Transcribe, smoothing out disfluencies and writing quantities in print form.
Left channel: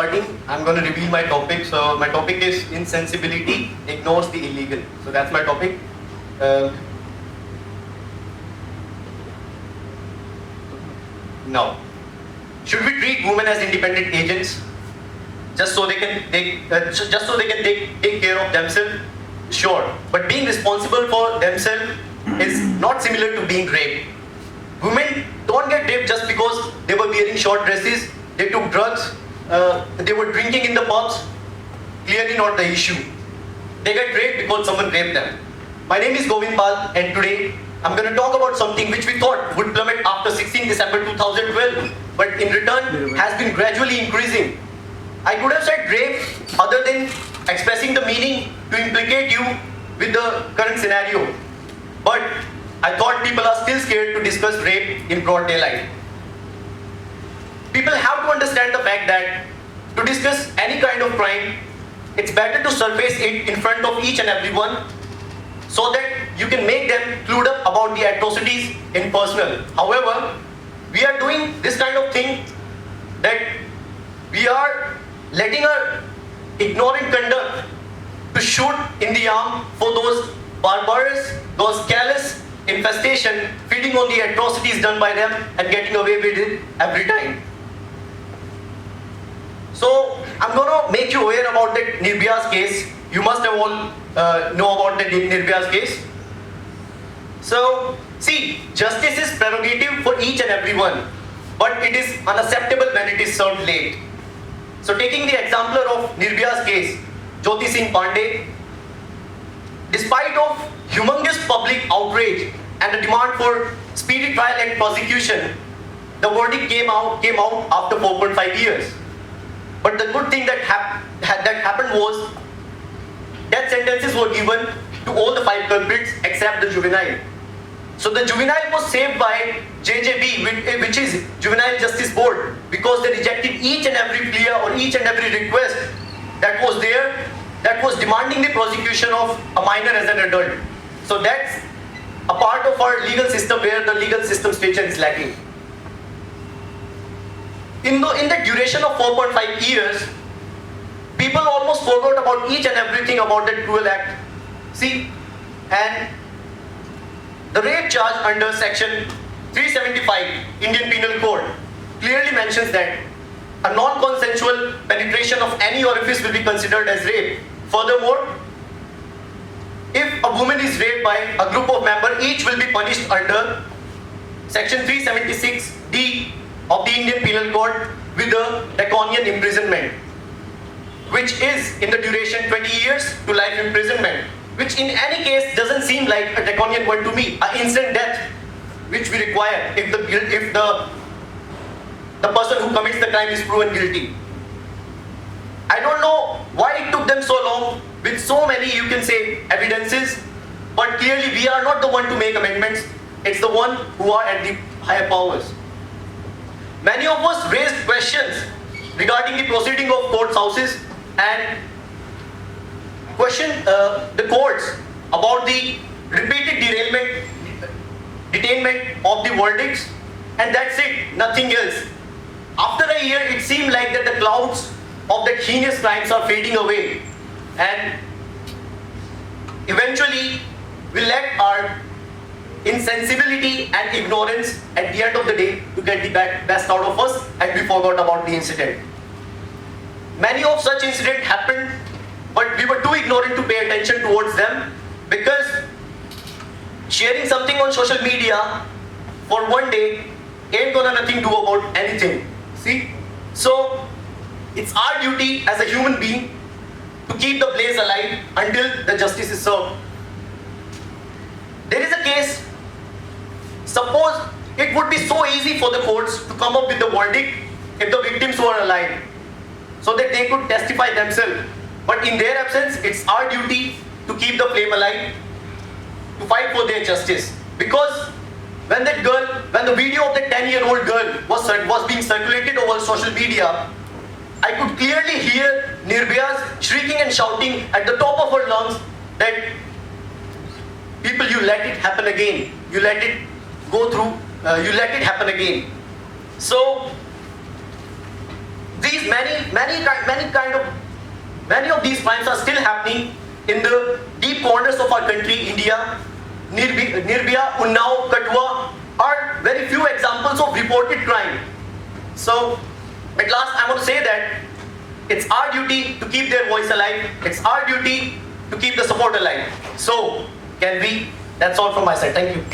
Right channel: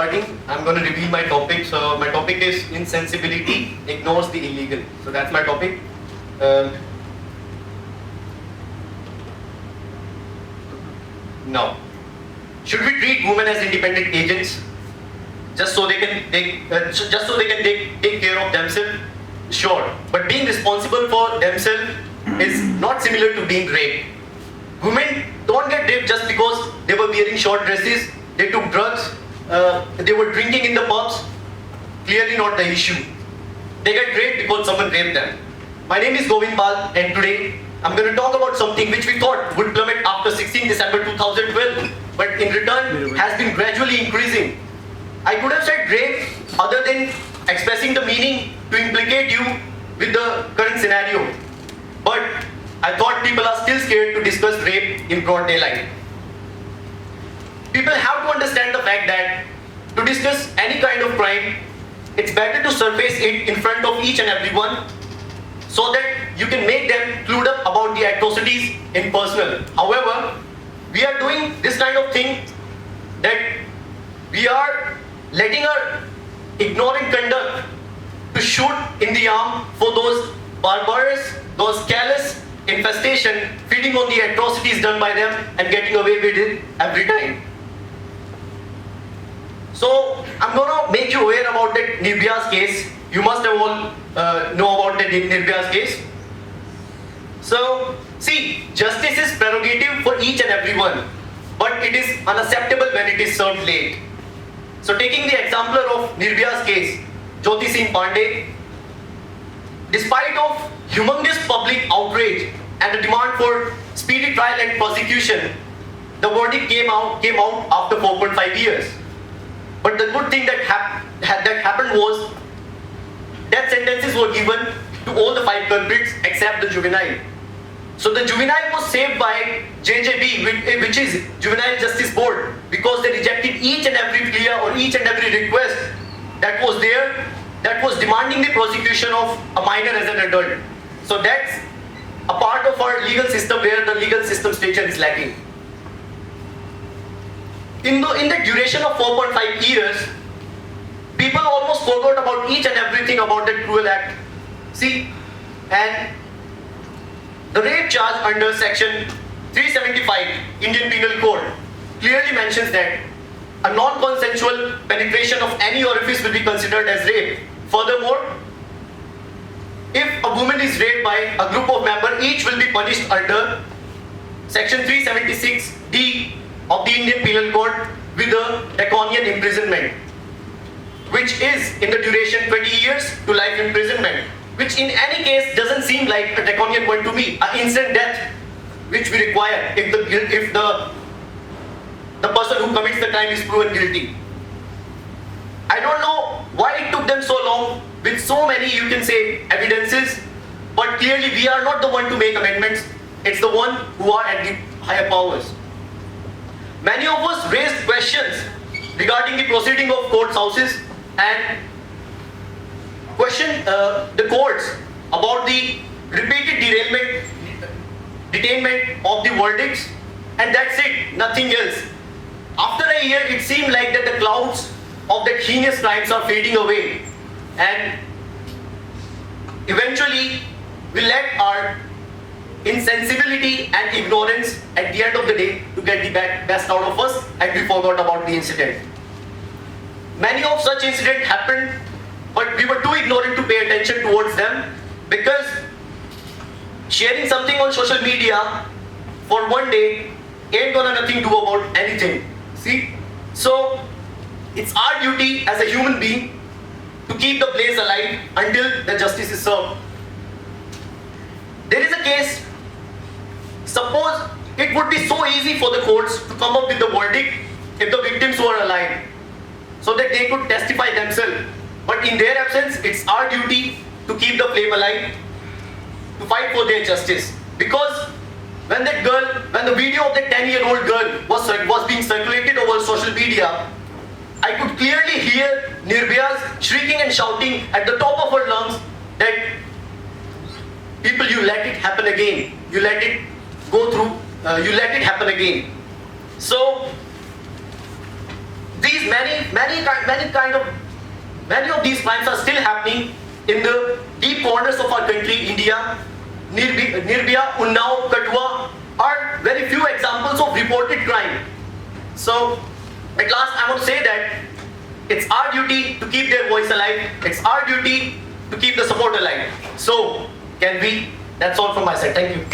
starting, I'm going to reveal my topic. So my topic is insensibility ignores the illegal. So that's my topic. Now, should we treat women as independent agents just so they can take care of themselves? Sure, but being responsible for themselves is not similar to being raped. Women don't get raped just because they were wearing short dresses, they took drugs, they were drinking in the pubs. Clearly not the issue. They get raped because someone raped them. My name is Govind and today I'm going to talk about something which we thought would plummet after 16 December 2012, but in return has been gradually increasing. I could have said rape other than expressing the meaning to implicate you with the current scenario. But I thought people are still scared to discuss rape in broad daylight. People have to understand the fact that to discuss any kind of crime, it's better to surface it in front of each and everyone so that you can make them clued up about the atrocities in personal. However, we are doing this kind of thing that we are letting our ignorant conduct to shoot in the arm for those barbarous, those callous infestation, feeding on the atrocities done by them and getting away with it every time. So I'm gonna make you aware about that Nirbhaya's case. You must have all know about the Nirbhaya's case. So see, justice is prerogative for each and everyone, but it is unacceptable when it is served late. So taking the example of Nirbhaya's case, Jyoti Singh Pandey, despite of humongous public outrage and the demand for speedy trial and prosecution, the verdict came out after 4.5 years. But the good thing that happened was death sentences were given to all the 5 culprits except the juvenile. So the juvenile was saved by JJB, which is Juvenile Justice Board, because they rejected each and every plea or each and every request that was there, that was demanding the prosecution of a minor as an adult. So that's a part of our legal system where the legal system structure is lacking. In the duration of 4.5 years, people almost forgot about each and everything about that cruel act. See, and the rape charge under section 375 Indian Penal Code clearly mentions that a non-consensual penetration of any orifice will be considered as rape. Furthermore, if a woman is raped by a group of members, each will be punished under section 376D of the Indian Penal Code with a draconian imprisonment, which is in the duration 20 years to life imprisonment, which in any case doesn't seem like a draconian one to me, an instant death, which we require if the person who commits the crime is proven guilty. I don't know why it took them so long with so many, you can say, evidences, but clearly we are not the one to make amendments. It's the one who are at the higher powers. Many of us raised questions regarding the proceeding of court houses and questioned the courts about the repeated detainment of the verdicts, and that's it, nothing else. After a year, it seemed like that the clouds of that heinous crimes are fading away, and eventually we let our insensibility and ignorance at the end of the day to get the best out of us, and we forgot about the incident. Many of such incidents happened, but we were too ignorant to pay attention towards them, because sharing something on social media for one day ain't gonna nothing do about anything. See? So it's our duty as a human being to keep the blaze alive until the justice is served. There is a case, suppose it would be so easy for the courts to come up with the verdict if the victims were alive, so that they could testify themselves. But in their absence, it's our duty to keep the flame alive, to fight for their justice. Because when the video of that 10-year-old girl was being circulated over social media, I could clearly hear Nirbhaya's shrieking and shouting at the top of her lungs that, people, you let it happen again. You let it go through, you let it happen again. So These many of these crimes are still happening in the deep corners of our country, India. Nirbhaya, Unnao, Kathua are very few examples of reported crime. So, at last, I want to say that it's our duty to keep their voice alive. It's our duty to keep the support alive. So, can we? That's all from my side. Thank you.